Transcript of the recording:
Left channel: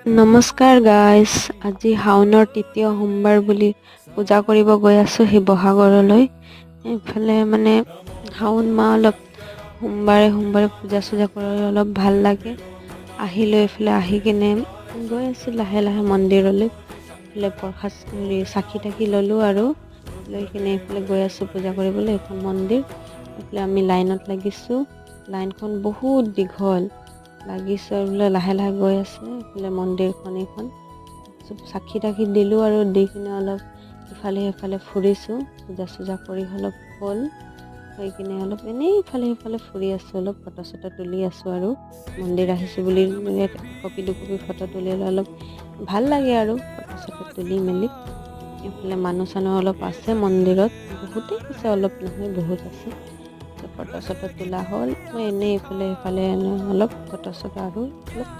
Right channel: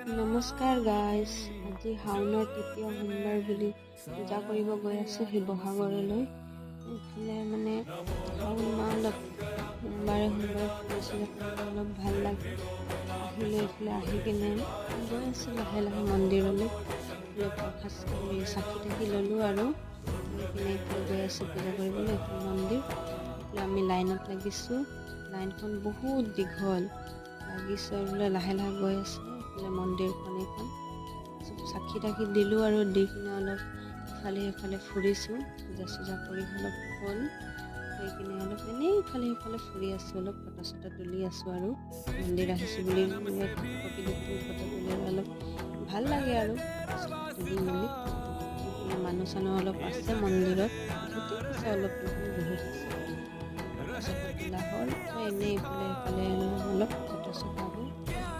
নমস্কাৰ গাইজ, আজি শাওনৰ তৃতীয় সোমবাৰ বুলি পূজা কৰিব গৈ আছোঁ শিৱসাগৰলৈ। এইফালে মানে শাওন মাহ অলপ সোমবাৰে পূজা চূজা কৰি অলপ ভাল লাগে। আহিলোঁ এইফালে আহি কিনে গৈ আছোঁ লাহে লাহে মন্দিৰলৈ। এইফালে প্ৰসাদ চাকি তাকি ল'লোঁ আৰু লৈ কিনে এইফালে গৈ আছোঁ পূজা কৰিবলৈ। এইখন মন্দিৰ, এইফালে আমি লাইনত লাগিছোঁ। লাইনখন বহুত দীঘল লাগিছে বোলে, লাহে লাহে গৈ আছে এইফালে মন্দিৰখন। এইখন চব চাকি তাকি দিলোঁ আৰু দি কিনে অলপ ইফালে সিফালে ফুৰিছোঁ। পূজা চূজা কৰি অলপ হ'ল, হৈ কিনে অলপ এনেই ইফালে সিফালে ফুৰি আছোঁ, অলপ ফটো চটো তুলি আছোঁ। আৰু মন্দিৰ আহিছোঁ বুলি একপি দুকপি ফটো তুলিলে অলপ ভাল লাগে আৰু ফটো চটো তুলি মেলি। এইফালে মানুহ চানুহ অলপ আছে মন্দিৰত, বহুতেই আছে, অলপ নহয় বহুত আছে। ফটো চটো তোলা হ'ল, মই এনেই ইফালে সিফালে অলপ ফটো চটো আৰু অলপ